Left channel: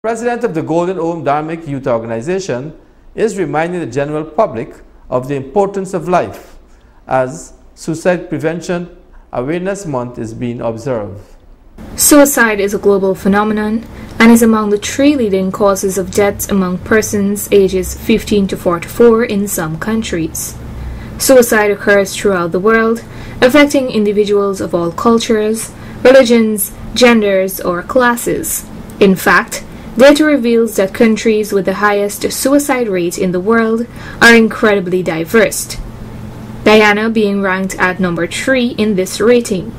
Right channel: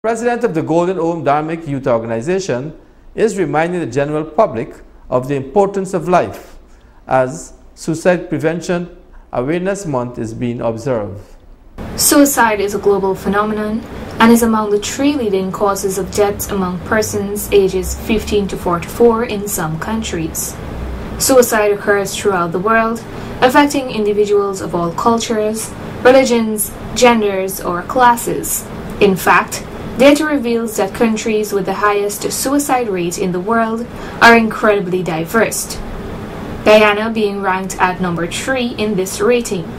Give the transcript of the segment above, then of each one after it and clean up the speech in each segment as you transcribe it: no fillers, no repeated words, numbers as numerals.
President of the Golden Ohm Dharmic Youth Organization is reminding the general public of the importance of life as Suicide Prevention Awareness Month is being observed. Suicide is a global phenomenon and is among the 3 leading causes of deaths among persons ages 15 to 44 in some countries. Suicide occurs throughout the world, affecting individuals of all cultures, religions, genders, or classes. In fact, data reveals that countries with the highest suicide rate in the world are incredibly diverse, Guyana being ranked at number 3 in this rating.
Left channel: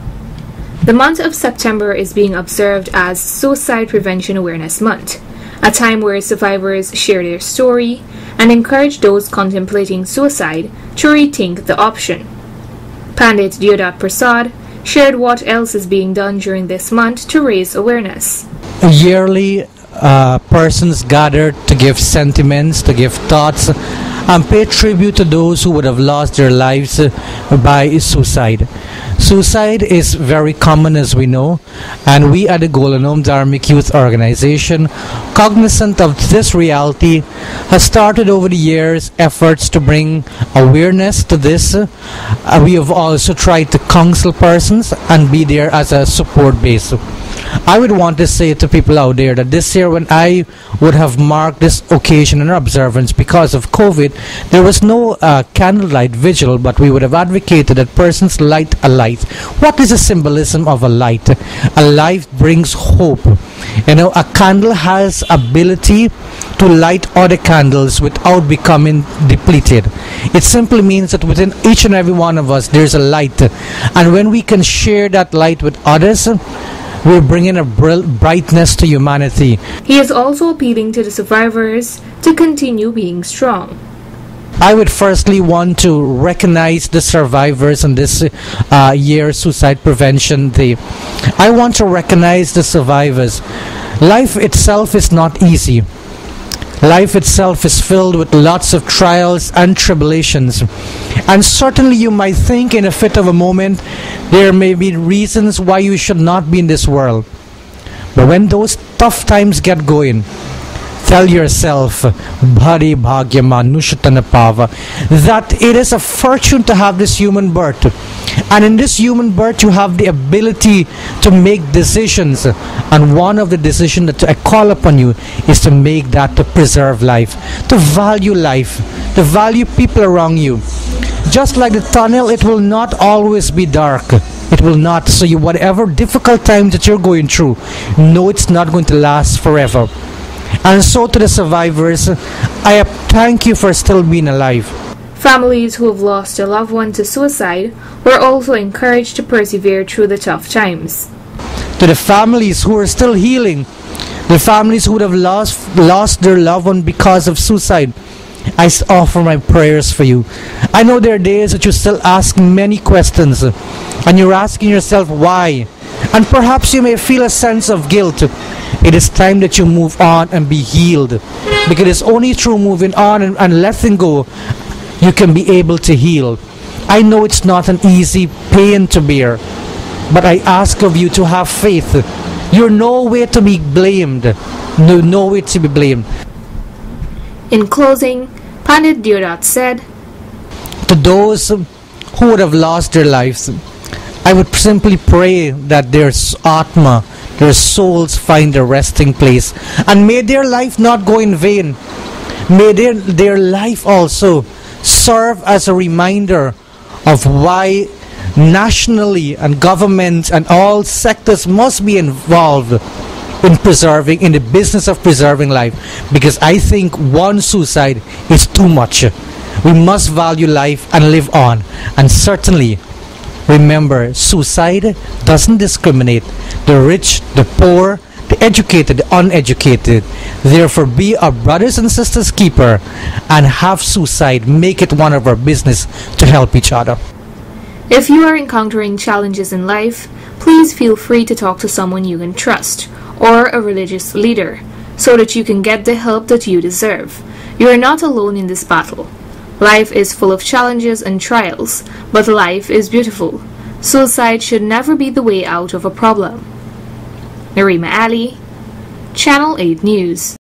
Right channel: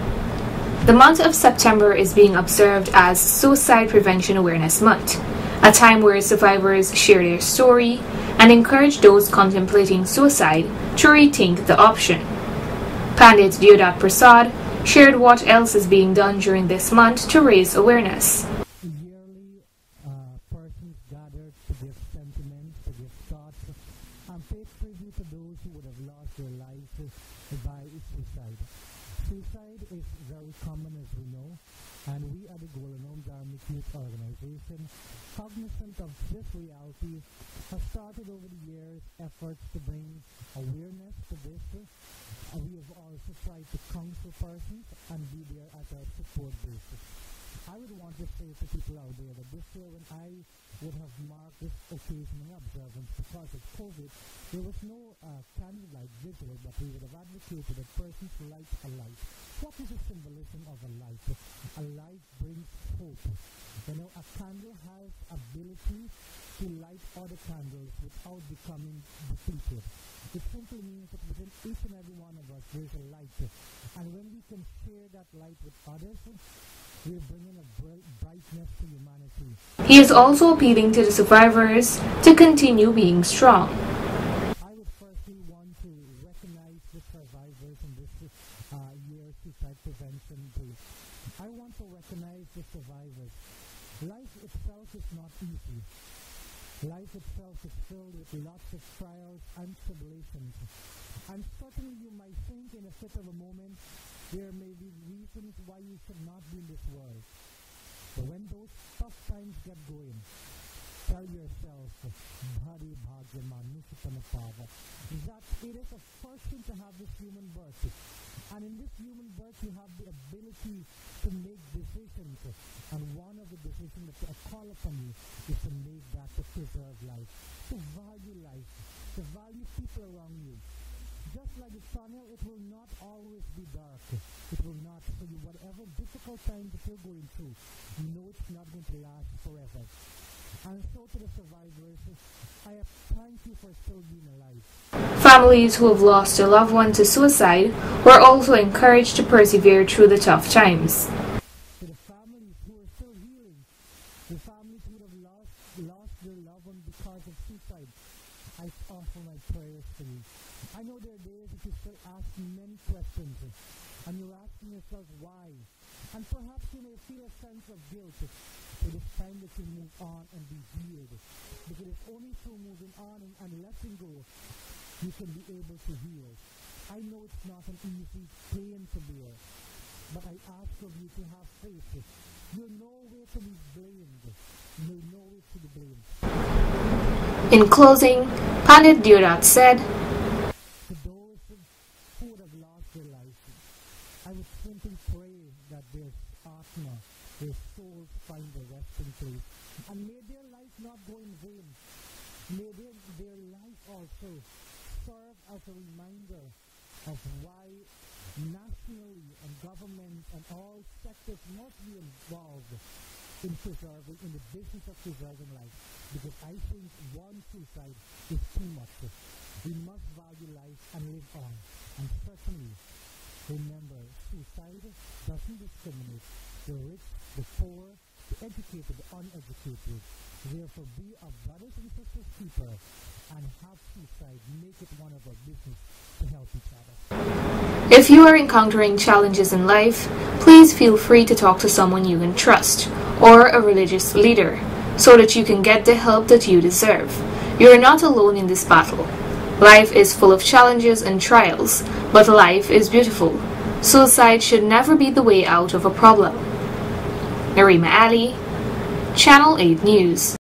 The month of September is being observed as Suicide Prevention Awareness Month, a time where survivors share their story and encourage those contemplating suicide to rethink the option. Pandit Deodat Prasad shared what else is being done during this month to raise awareness. Yearly, persons gather to give sentiments, to give thoughts, and pay tribute to those who would have lost their lives by suicide. Suicide is very common, as we know, and we at the Golden Ohm Dharmic Youth Organization, cognizant of this reality, has started over the years efforts to bring awareness to this. We have also tried to counsel persons and be there as a support base. I would want to say to people out there that this year, when I would have marked this occasion and observance because of COVID, there was no candlelight vigil, but we would have advocated that persons light a light. What is the symbolism of a light? A light brings hope. You know, a candle has ability to light other candles without becoming depleted. It simply means that within each and every one of us there's a light, and when we can share that light with others, we're bringing a brightness to humanity. He is also appealing to the survivors to continue being strong. I would firstly want to recognize the survivors on this year's Suicide Prevention Day. I want to recognize the survivors. Life itself is not easy. Life itself is filled with lots of trials and tribulations. And certainly you might think in a fit of a moment there may be reasons why you should not be in this world. But when those tough times get going, tell yourself, Bhari Bhagya Manushatana Pava, that it is a fortune to have this human birth. And in this human birth you have the ability to make decisions. And one of the decisions that I call upon you is to make that to preserve life, to value life, to value people around you. Just like the tunnel, it will not always be dark. It will not. So you, whatever difficult times that you're going through, know it's not going to last forever. And so to the survivors, I thank you for still being alive. Families who have lost a loved one to suicide were also encouraged to persevere through the tough times. To the families who are still healing, the families who would have lost their loved one because of suicide, I offer my prayers for you. I know there are days that you still ask many questions, and you're asking yourself why. And perhaps you may feel a sense of guilt. It is time that you move on and be healed. Because it's only through moving on and letting go you can be able to heal. I know it's not an easy pain to bear, but I ask of you to have faith. You're nowhere to be blamed. Nowhere to be blamed. In closing, Pandit Deodat said, to those who would have lost their lives, I would simply pray that their Atma, their souls find a resting place. And may their life not go in vain. May their life also serve as a reminder of why nationally and governments and all sectors must be involved in the business of preserving life. Because I think one suicide is too much. We must value life and live on. And certainly, remember, suicide doesn't discriminate. The rich, the poor, the educated, the uneducated. Therefore, be our brothers and sisters keeper and have suicide. Make it one of our business to help each other. If you are encountering challenges in life, please feel free to talk to someone you can trust or a religious leader so that you can get the help that you deserve. You are not alone in this battle. Life is full of challenges and trials, but life is beautiful. Suicide should never be the way out of a problem. Narima Ali, Channel 8 News.